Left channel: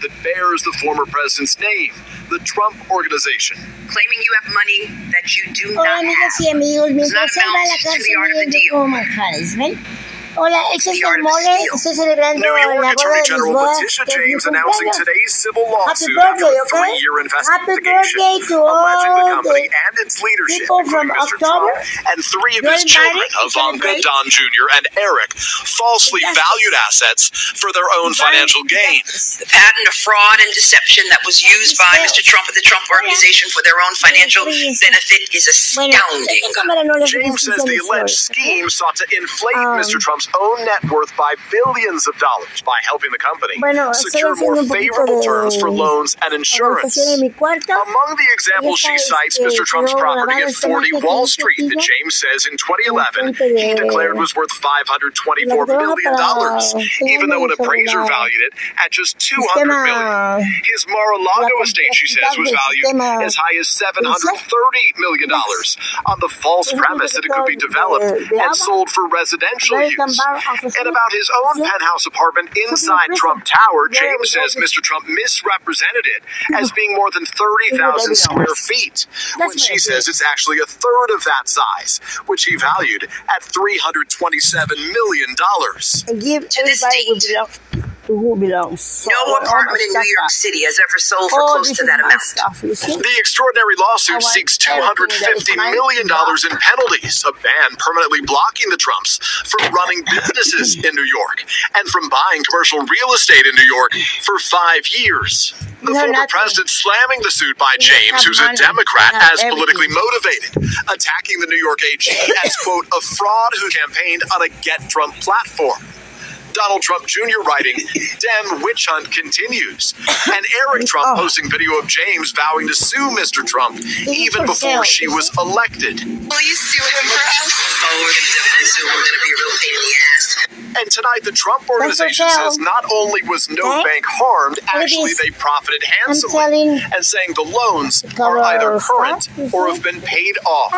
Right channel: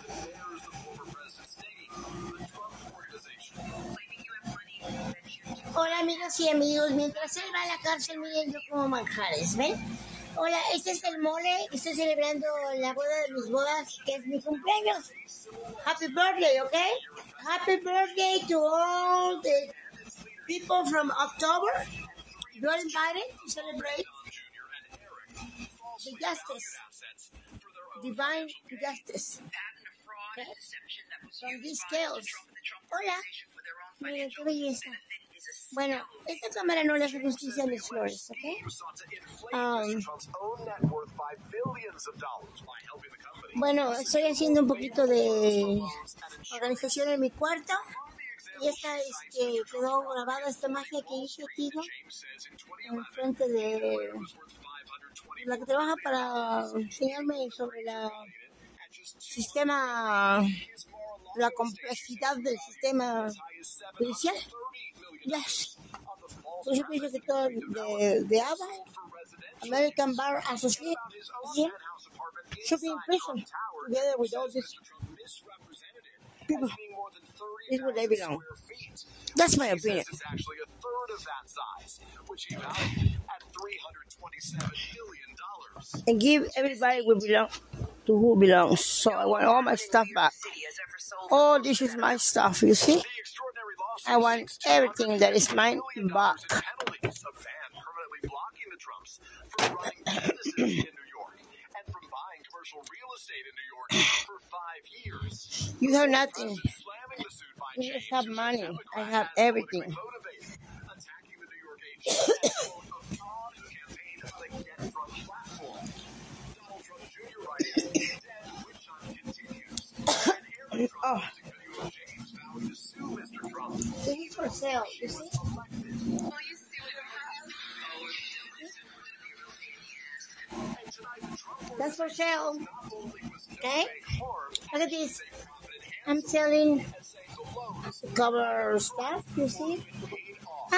that bears the former president's name, the Trump Organization. Claiming you have money that you do not Hola amigas y amigos, mientras él va a la casa viendo como manjares, ¿ven? Hola, este es el mole, estoy celebrando New York la boda Attorney de mis General bodas. Letitia James announcing today's civil Happy lawsuit after birthday, a okay? 3-year Happy investigation birthday to alleging the all company the and its leadership, people from including Mr. October. Trump and 3 of You're his children, invited to Ivanka, celebrate. Don Jr., and Eric, falsely valued assets for their own financial gain. The pattern of fraud and deception that was used by Mr. Trump and the Trump Organization for their own financial benefit is astounding. James says the alleged scheme sought to inflate Mr. Trump's own net worth by billions of dollars by helping the company secure more favorable terms for loans and insurance. Among the examples she cites Mr. Trump's property at 40 Wall Street that James says in 2011 he declared was worth $524 million, even though an appraiser valued it at just $200 million. His Mar-a-Lago estate, she says, was valued as high as $730 million on the false premise that it could be developed and sold for residential use. And about his own penthouse apartment inside Trump Tower, James says Mr. Trump misrepresented it as being more than 30,000 square feet, when she says it's actually a third of that size, which he valued at $327 million. To this date, no apartment in New York City has ever sold for close to that amount. The extraordinary lawsuit seeks $250 million in penalties, a ban permanently blocking the Trumps from running businesses in New York and from buying commercial real estate in New York for 5 years. The former president slamming the suit by James, who's a Democrat, as politically motivated, attacking the New York AG as, quote, a fraud who campaigned on a Get Trump platform. Donald Trump Jr. writing, Dem witch hunt continues. And Eric Trump posting video of James vowing to sue Mr. Trump even before she was elected. Will you sue him for us? Oh, we're going to definitely sue him. We're going to be a real pain in the ass. And tonight, the Trump Organization says not only was no bank harmed, actually they profited handsomely, and saying the loans are either current or have been paid off.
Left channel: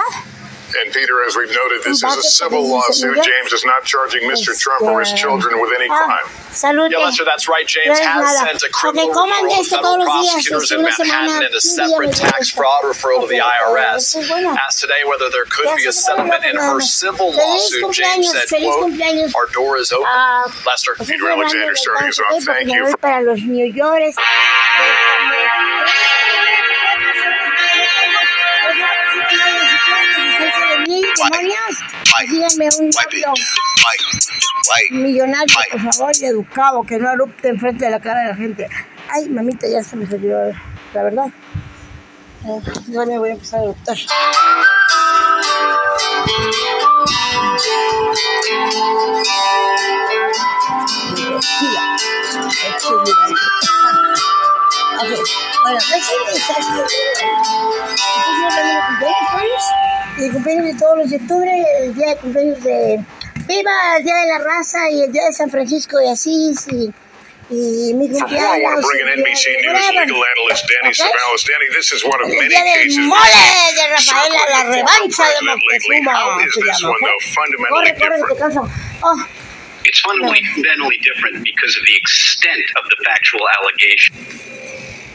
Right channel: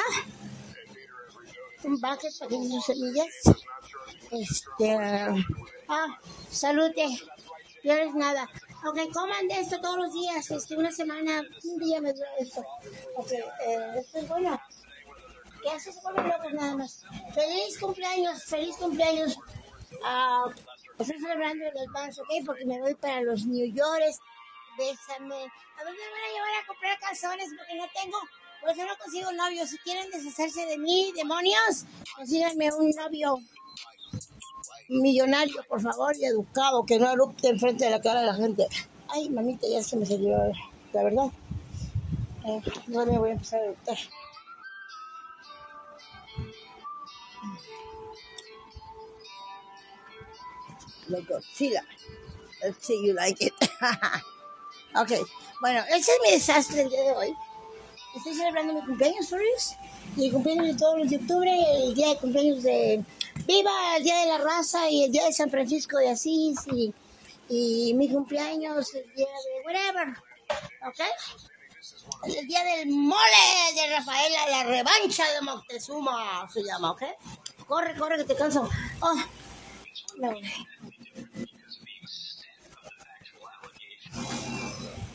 And Peter, as we've noted, this is a civil lawsuit. James is not charging Mr. Trump or his children with any crime. Yeah, Lester, that's right. James has sent a criminal referral to federal prosecutors in Manhattan and a separate tax fraud referral to the IRS. Asked today whether there could be a settlement in her civil lawsuit, James said, quote, our door is open. Lester. Peter Alexander starting us off. Thank you. Díganme un millonario, por favor, y educado, que no erupte enfrente de la cara de la gente. Ay, mamita, ya se me salió, la verdad. Ya me voy a empezar a eruptar. Okay, bueno, el cumpleaños de todos los de octubre, el día de cumpleaños de Viva, el día de la raza y el día de San Francisco de Asís y mi cumpleaños. I want to bring in NBC News legal analyst Danny Savalas. Danny, this is one of many cases de Rafaela, la revancha de Moctezuma. How is this one, though, fundamentally different? It's fundamentally different because of the extent of the factual allegations.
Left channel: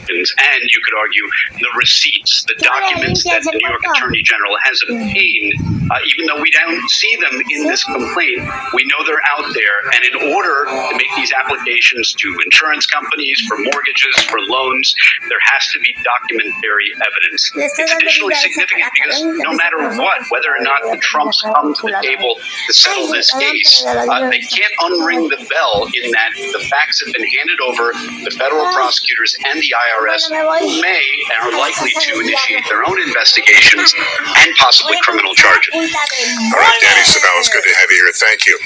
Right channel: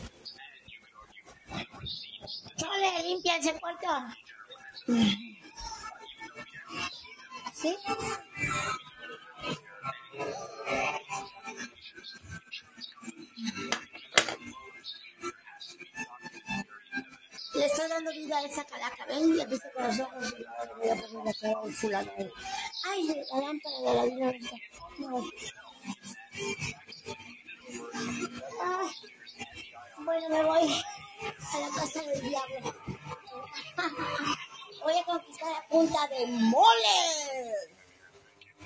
And you could argue the receipts, the documents that the New York Attorney General has obtained, even though we don't see them in this complaint, we know they're out there. And in order to make these applications to insurance companies, for mortgages, for loans, there has to be documentary evidence. It's additionally significant because no matter what, whether or not the Trumps come to the table to settle this case, they can't unring the bell in that the facts have been handed over to federal prosecutors and the IRS, who may and are likely to initiate their own investigations and possibly criminal charges. All right, Danny Savalas, good to have you here. Thank you.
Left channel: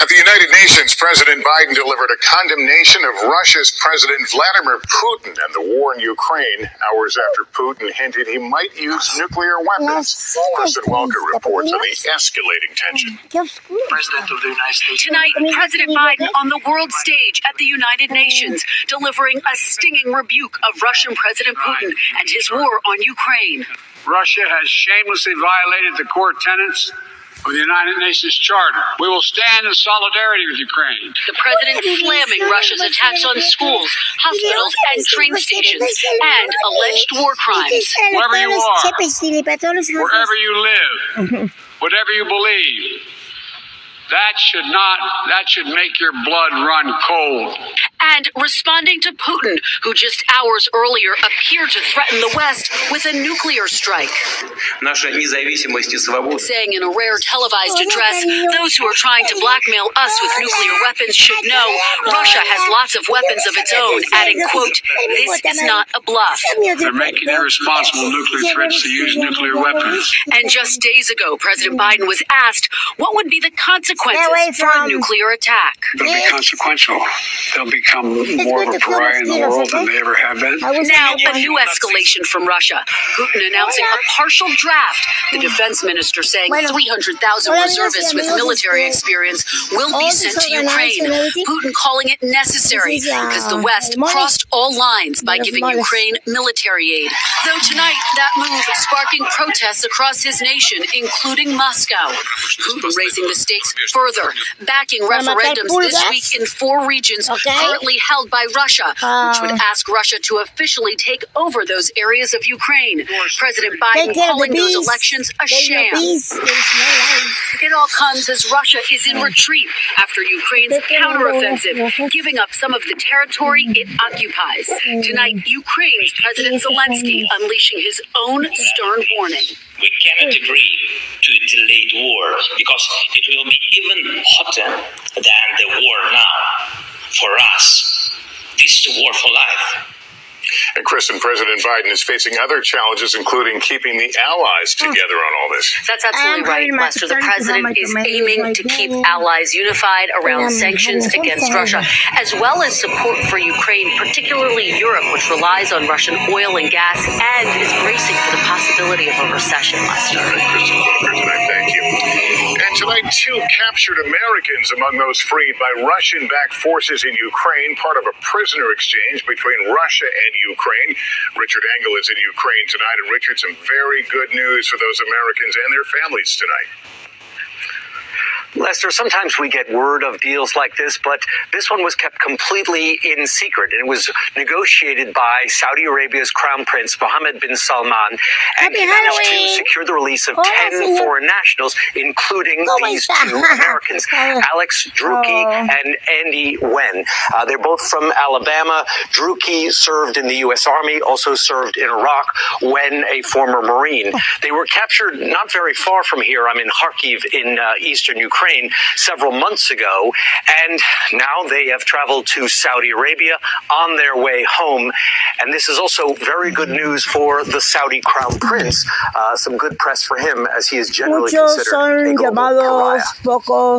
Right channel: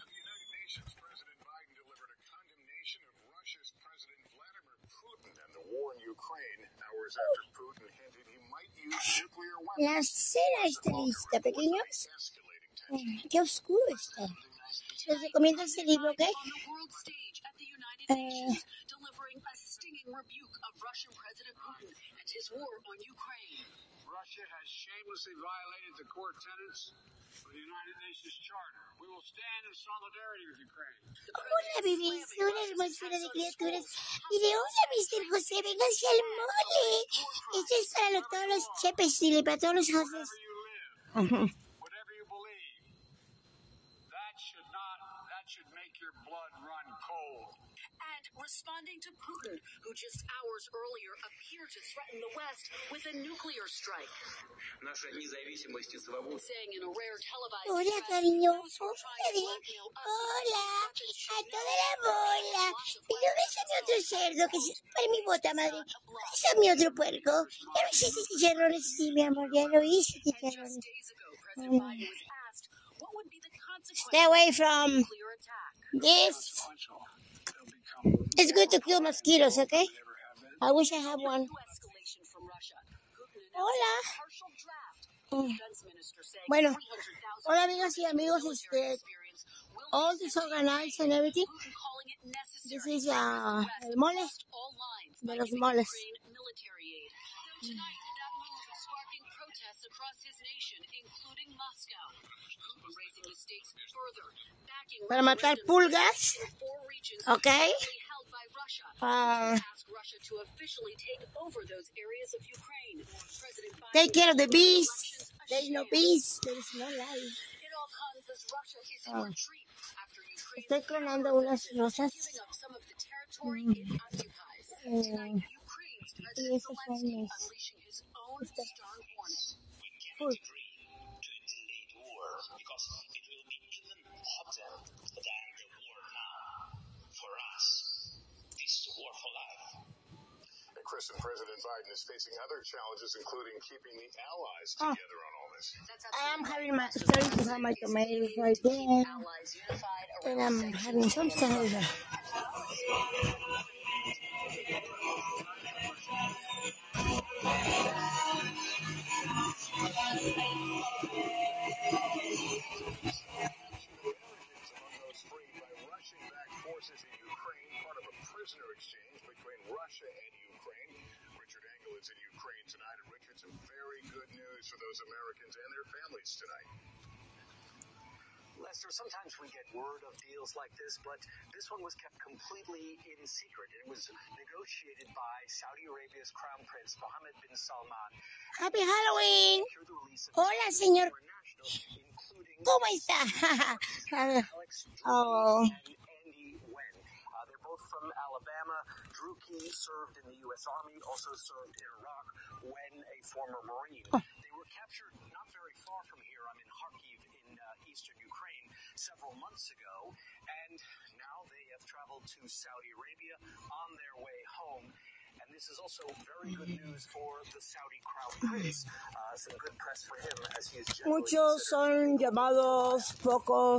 At the United Nations, President Biden delivered a condemnation of Russia's President Vladimir Putin and the war in Ukraine, hours after Putin hinted he might use nuclear weapons. Kristen Welker reports on the escalating tension. President of the United States. Tonight, President Biden on the world stage at the United Nations, delivering a stinging rebuke of Russian President Putin and his war on Ukraine. Russia has shamelessly violated the core tenets of the United Nations Charter. We will stand in solidarity with Ukraine. The president slamming Russia's attacks on schools, hospitals, and train stations, and alleged war crimes. Wherever you are, wherever you live, whatever you believe, that should make your blood run cold. And responding to Putin, who just hours earlier appeared to threaten the West with a nuclear strike. Saying in a rare televised address, those who are trying to blackmail us with nuclear weapons should know Russia has lots of weapons of its own, adding, quote, "This is not a bluff." They're making irresponsible nuclear threats to use nuclear weapons. And just days ago, President Biden was asked what would be the consequences for a nuclear attack. They'll be consequential. They'll become more of a pariah in the world than they ever have been. Now, a new escalation from Russia. Putin announcing a partial draft. The defense minister saying 300,000 reservists with military experience will be sent to Ukraine. Putin calling it necessary because the West crossed all lines by giving Ukraine military aid. Though tonight, that move sparking protests across his nation, including Moscow. Putin raising the stakes further, backing referendums this week in 4 regions currently held by Russia, which would ask Russia to officially take over those areas of Ukraine. President Biden calling those elections a sham. It all comes as Russia is in retreat after Ukraine's counteroffensive, giving up some of the territory it occupies. Tonight, Ukraine's President Zelensky unleashing his own stern warning. We cannot agree to a delayed war because it will be even hotter than the war now. For us, this is a war for life. And Kristen, President Biden is facing other challenges, including keeping the allies together on all this. That's absolutely right, Lester. The president is aiming to keep allies unified around sanctions against Russia, as well as support for Ukraine, particularly Europe, which relies on Russian oil and gas and is bracing for the possibility of a recession, Lester. Kristen, thank you. And tonight, 2 captured Americans among those freed by Russian-backed forces in Ukraine, part of a prisoner exchange between Russia and Ukraine. Richard Engel is in Ukraine tonight. And Richard, some very good news for those Americans and their families tonight. Lester, sometimes we get word of deals like this, but this one was kept completely in secret. And it was negotiated by Saudi Arabia's Crown Prince, Mohammed bin Salman, and he managed to secure the release of 10 foreign nationals, including these 2 Americans, Alex Druki and Andy Wen. They're both from Alabama. Druki served in the U.S. Army, also served in Iraq, Wen a former Marine. They were captured not very far from here. I'm in Kharkiv in eastern Ukraine several months ago, and now they have traveled to Saudi Arabia on their way home. And this is also very good news for the Saudi Crown Prince. Some good press for him, as he is generally considered a global pariah.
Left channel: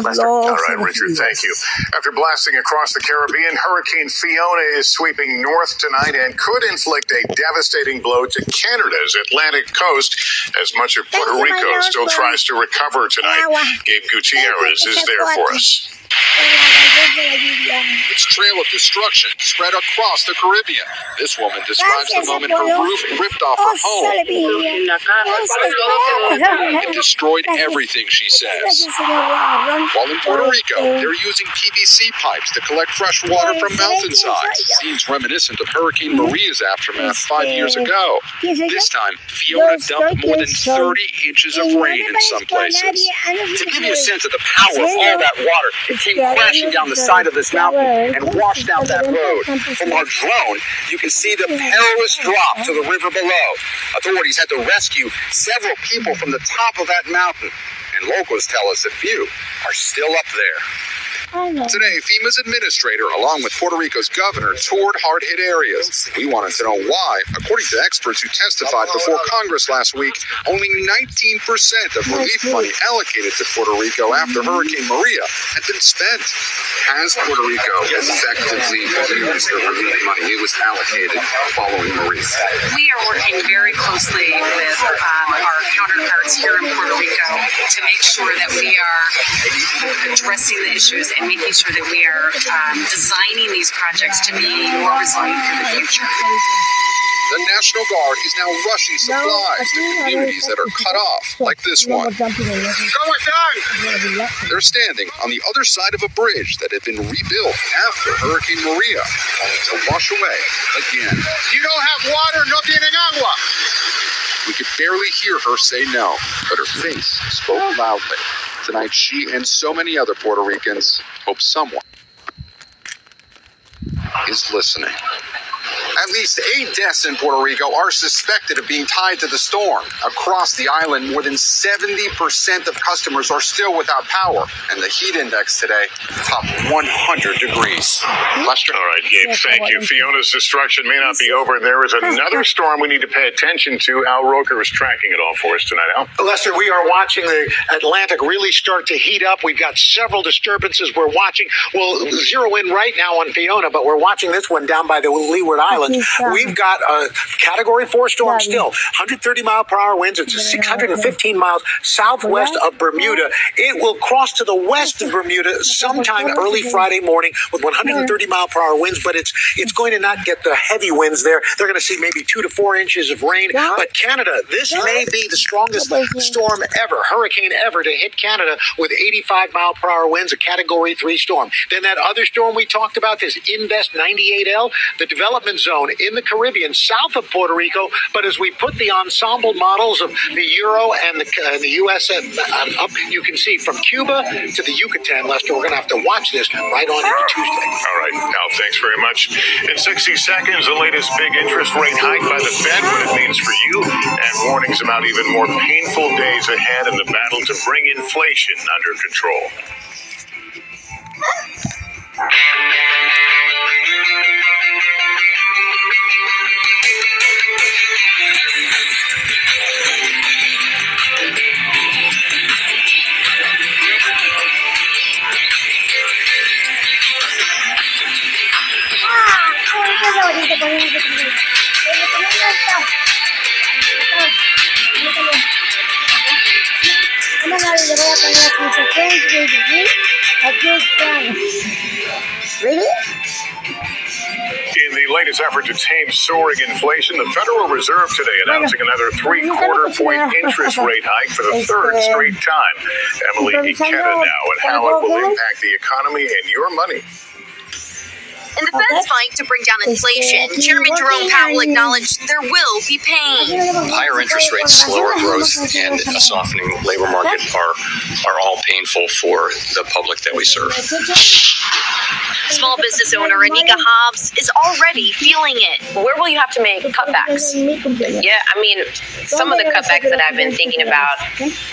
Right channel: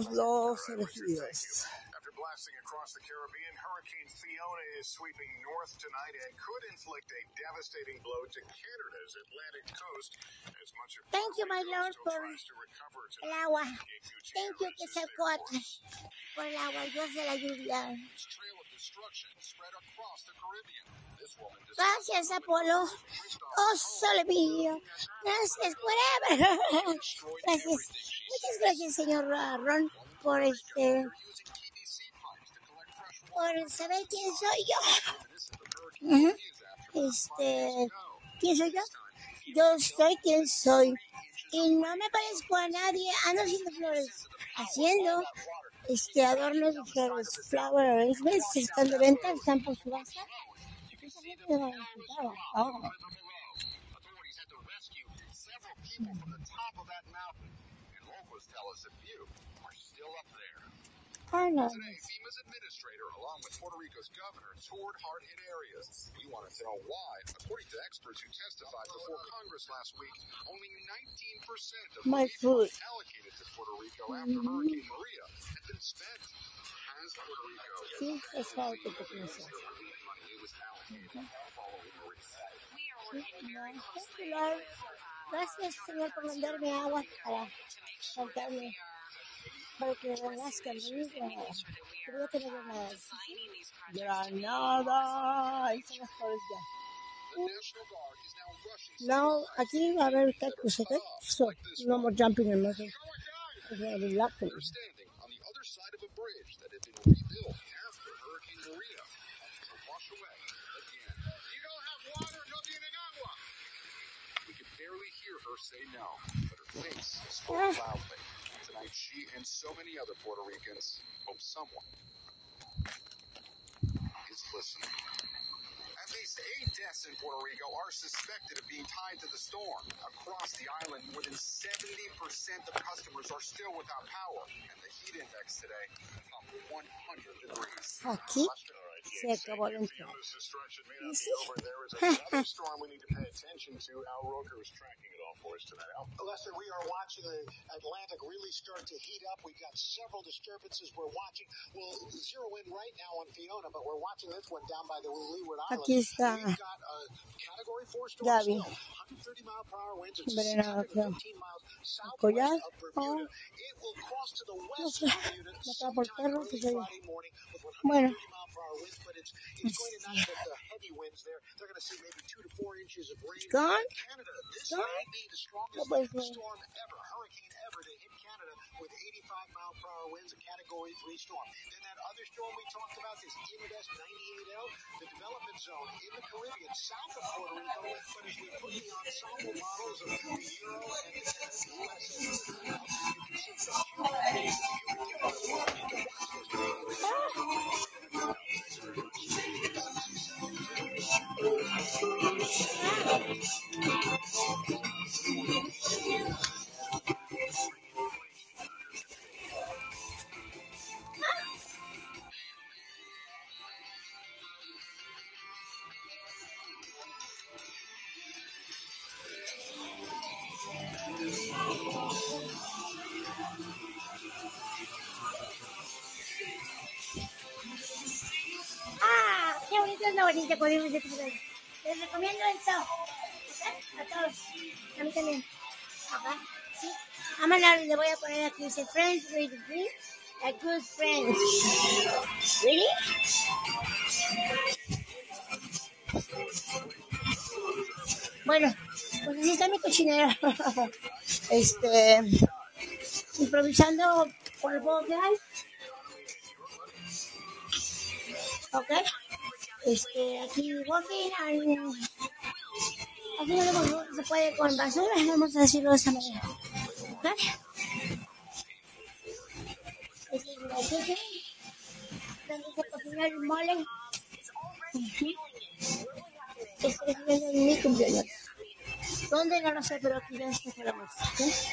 Lester. All right, Richard, thank you. After blasting across the Caribbean, Hurricane Fiona is sweeping north tonight and could inflict a devastating blow to Canada's Atlantic coast as much of Puerto Rico still tries to recover tonight. Gabe Gutierrez is there for us. Its trail of destruction spread across the Caribbean. This woman describes the moment her roof ripped off her home. It destroyed everything, she says. While in Puerto Rico, they're using PVC pipes to collect fresh water from mountainsides. Scenes reminiscent of Hurricane Maria's aftermath 5 years ago. This time, Fiona dumped more than 30 inches of rain in some places. To give you a sense of the power of all that water, it came crashing down the side of this mountain and washed out that road. From our drone, you can see the perilous drop to the river below. Authorities had to rescue several people from the top of that mountain, and locals tell us a few are still up there. Today, FEMA's administrator, along with Puerto Rico's governor, toured hard-hit areas. We wanted to know why. According to experts who testified before Congress last week, only 19% of relief money allocated to Puerto Rico after Hurricane Maria had been spent. Has Puerto Rico effectively used the relief money it was allocated following Maria? We are working very closely with our counterparts here in Puerto Rico to make sure that we are addressing the issues and making sure that we are designing these projects to be more resilient for the future. The National Guard is now rushing supplies to communities that are cut off, like this one. They're standing on the other side of a bridge that had been rebuilt after Hurricane Maria, only to wash away again. You don't have water, no tienen agua. We could barely hear her say no, but her face spoke loudly. Tonight, she and so many other Puerto Ricans hope someone is listening. At least 8 deaths in Puerto Rico are suspected of being tied to the storm. Across the island, more than 70% of customers are still without power, and the heat index today topped 100 degrees. Lester? All right, Gabe, thank you. Fiona's destruction may not be over. There is another storm we need to pay attention to. Al Roker is tracking it all for us tonight. Al? Lester, we are watching the Atlantic really start to heat up. We've got several disturbances we're watching. We'll zero in right now on Fiona, but we're watching this one down by the Leeward Islands. We've got a Category 4 storm still. 130-mile-per-hour winds. It's 615 miles southwest of Bermuda. It will cross to the west of Bermuda sometime early Friday morning with 130-mile-per-hour winds, but it's going to not get the heavy winds there. They're going to see maybe 2 to 4 inches of rain. But Canada, this may be the strongest storm ever, hurricane ever, to hit Canada with 85-mile-per-hour winds, a Category 3 storm. Then that other storm we talked about, this Invest 98L, the development zone in the Caribbean, south of Puerto Rico. But as we put the ensemble models of the Euro and the U.S. up, you can see from Cuba to the Yucatan, Lester, we're going to have to watch this right on into Tuesday. All right, Al, thanks very much. In 60 seconds, the latest big interest rate hike by the Fed, what it means for you, and warnings about even more painful days ahead in the battle to bring inflation under control. Really? In the latest effort to tame soaring inflation, the Federal Reserve today announcing another 3/4-point interest rate hike for the third straight time. Emily Ikeda now, and how it will impact the economy and your money. In the Fed's fight to bring down inflation, Chairman Jerome Powell acknowledged there will be pain. Higher interest rates, slower growth, and a softening labor market are all painful for the public that we serve. Small business owner Anika Hobbs is already feeling it. Where will you have to make cutbacks? Yeah, I mean, some of the cutbacks that I've been thinking about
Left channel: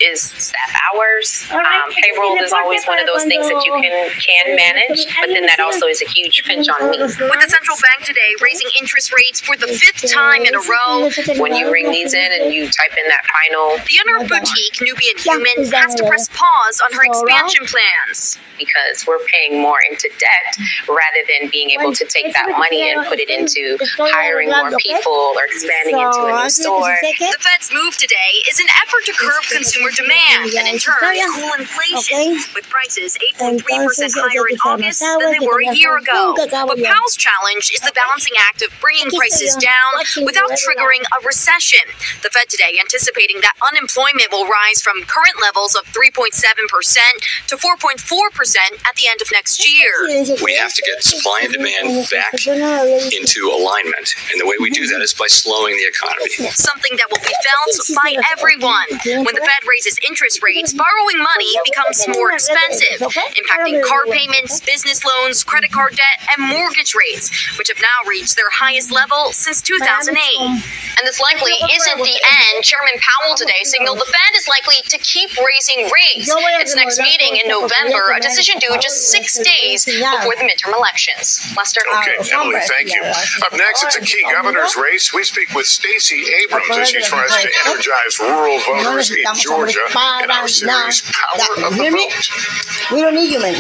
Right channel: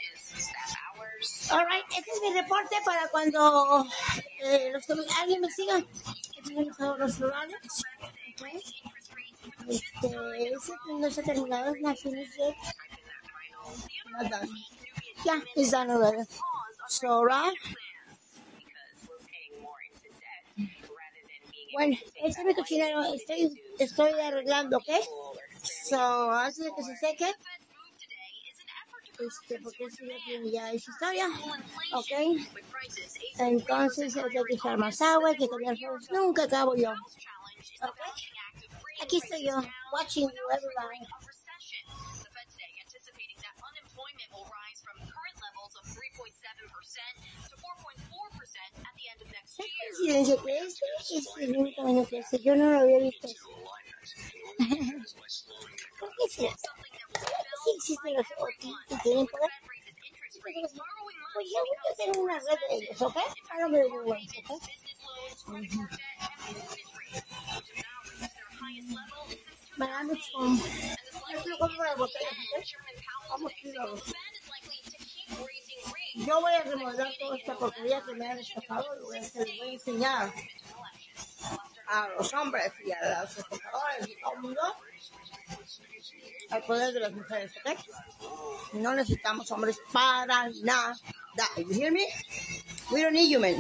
is staff hours. Payroll is always one of those things that you can manage, but then that also is a huge pinch on me. With the central bank today raising interest rates for the 5th time in a row. When you ring these in and you type in that final, the owner of boutique Nubian Human has to press pause on her expansion plans. Because we're paying more into debt rather than being able to take that money and put it into hiring more people or expanding into a new store. The Fed's move today is an effort to curb consumer demand and in turn cool inflation, with prices 8.3% higher in August than they were a year ago. But Powell's challenge is the balancing act of bringing prices down without triggering a recession. The Fed today anticipating that unemployment will rise from current levels of 3.7% to 4.4% at the end of next year. We have to get supply and demand back into alignment. And the way we do that is by slowing the economy. Something that will be felt by everyone. When the Fed raises interest rates, borrowing money becomes more expensive, impacting car payments, business loans, credit card debt, and mortgage rates, which have now reached their highest level since 2008. And this likely isn't the end. Chairman Powell today signaled the Fed is likely to keep raising rates. Its next meeting in November, a decision due just 6 days before the midterm elections. Lester? Okay, Emily, thank you. Up next, it's a key governor's race. We speak with Stacey Abrams as she tries to energize rural voters in Georgia in our series Power of the Vote. We don't need you, man.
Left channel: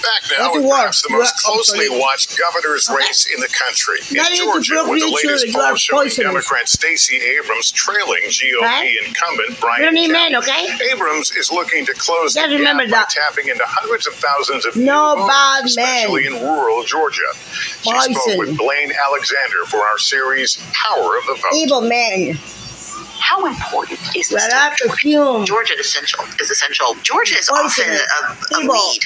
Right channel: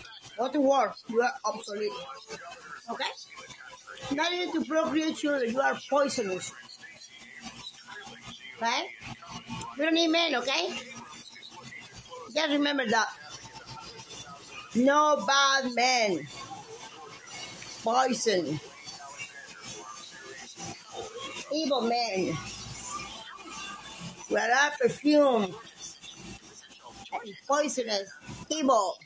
Back now with perhaps the most closely watched governor's race in the country. In Georgia, with the latest poll showing Democrat Stacey Abrams trailing GOP incumbent Brian Kemp. Abrams is looking to close the gap by tapping into hundreds of thousands of new voters, especially in rural Georgia. She spoke with Blaine Alexander for our series, Power of the Vote. Evil men. How important is this to Georgia? Georgia is essential. Georgia is often a lead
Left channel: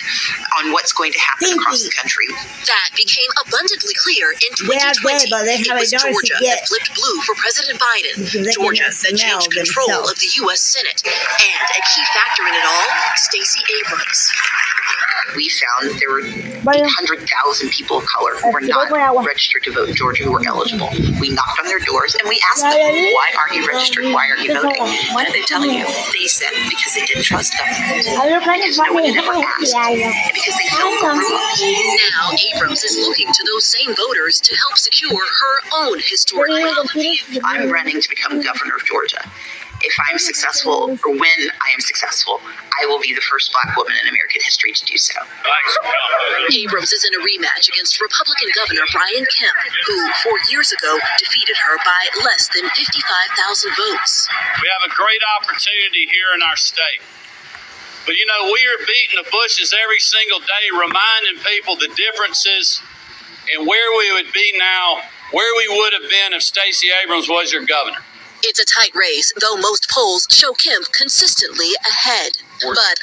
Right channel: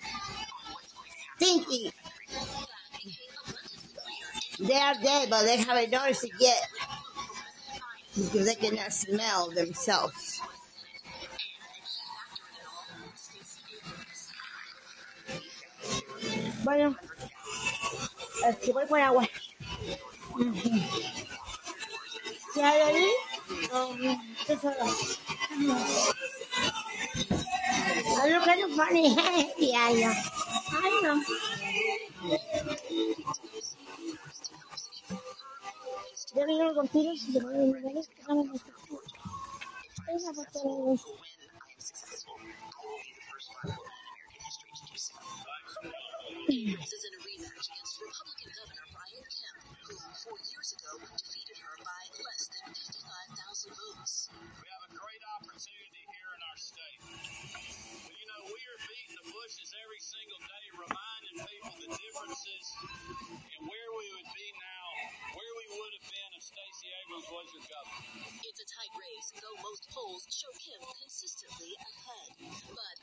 on what's going to happen across the country. That became abundantly clear in 2020. It was Georgia that flipped blue for President Biden. Georgia that changed control of the U.S. Senate. And a key factor in it all, Stacey Abrams. We found that there were 800,000 people of color who were not registered to vote in Georgia who were eligible. We knocked on their doors and we asked them, why aren't you registered? Why aren't you voting? What are they telling you? They said because they didn't trust government. Because no one had ever asked. And because they felt overlooked. Now Abrams is looking to those same voters to help secure her own historic win. I'm running to become governor of Georgia. If I'm successful, or when I am successful, I will be the first black woman in American history to do so. Abrams is in a rematch against Republican Governor Brian Kemp, who 4 years ago defeated her by less than 55,000 votes. We have a great opportunity here in our state. But you know, we are beating the bushes every single day, reminding people the differences and where we would be now, where we would have been if Stacey Abrams was your governor. It's a tight race, though most polls show Kemp consistently ahead. But